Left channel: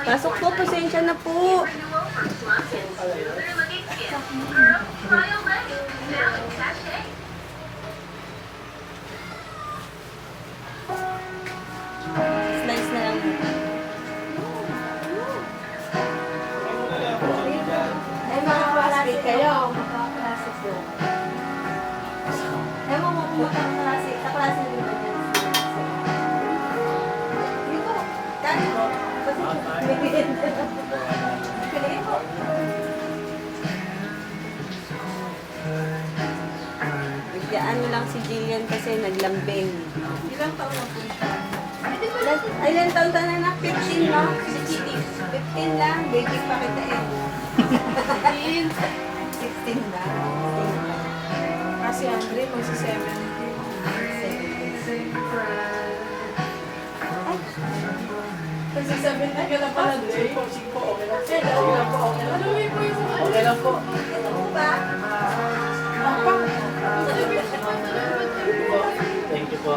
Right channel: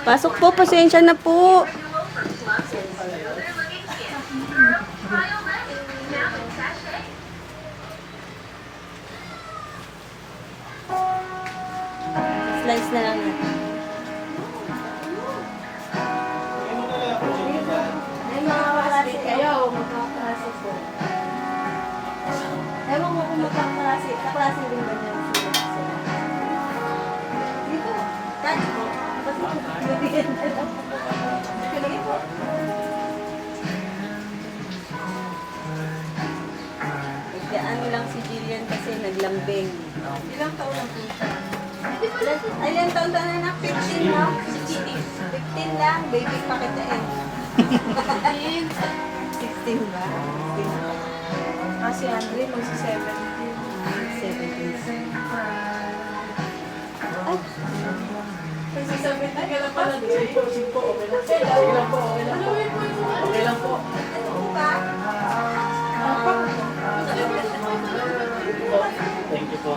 Pasok po, pasensya na po. Slice na lang. Ay, mga klase kayo. Magkaklase po. Ewan mo kung magkaklase. Kaklase din ba niya? Dito. Kani po. Kalagin po. Ano lang si Jillian kasi naglambing. Ilang taon na po siya? Ilan taon na na? 15 lang. Si Chidi. 15 lang. Baby pa kita eh. 16 na. Ah, si Andre, magsi-7. 17. Magsi-7 na ka lang pala. Sige po, okay lang. Sige lang po, okay lang po. Okay lang po. Ano po ba? Thank you po.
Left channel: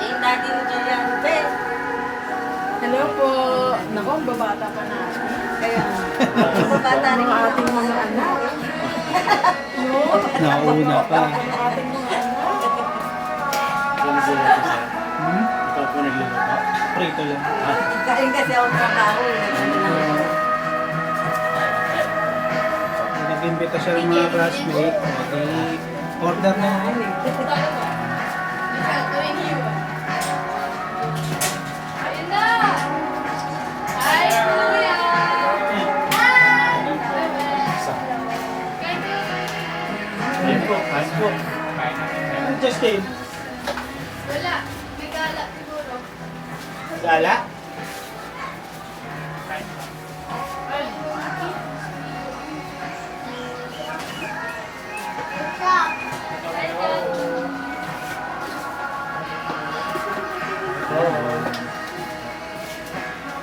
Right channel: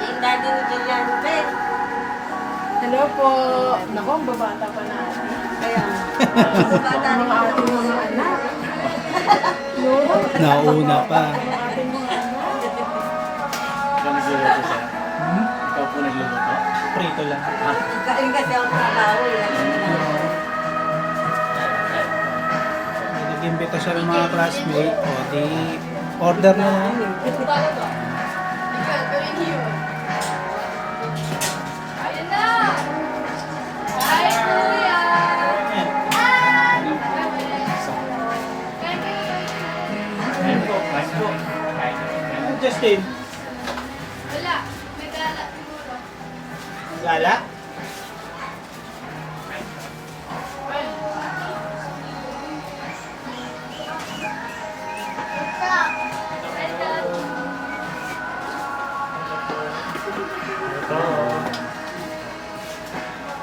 Yung daddy ni Jillian Rubén. Hello po. Naku, ang babata pa na. Kaya, Ang mga ating mga anak. No? Nauna pa. Ang ating mga anak. Yung sila ito sa... Ikaw po nagluluto. Prito lang. kain kasi ako sa tao. Nag-imbita siya ng mga classmate. Di order lang ako. Kain po, kain po. Ano just came? Wala. May gala siguro. Gala?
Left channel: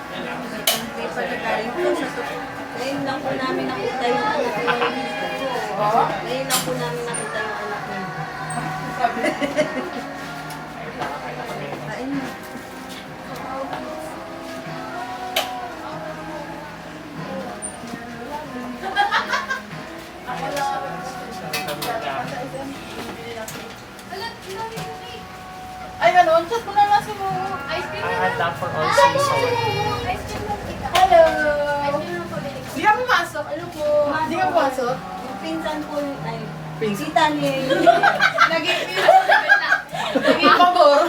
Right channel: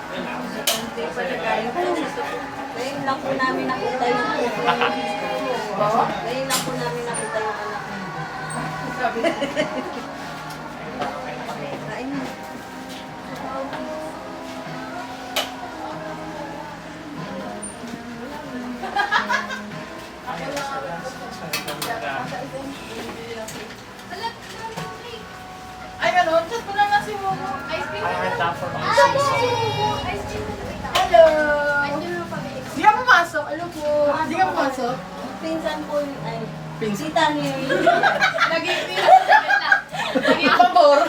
Hindi pa nagaling po sa tukod. Ngayon lang po namin nakita yung anak niya. Ngayon lang po namin nakita yung anak niya. Kain mo. Ay, ganun. Chat mo na lang si Ice cream na Handa for all Ice season. cream na Hello. Ice cream na pabili. Hindi ka pumasok. Ano po? Hindi ka pumasok? Pinsan po yung, ay, sita ni Lagi pabor.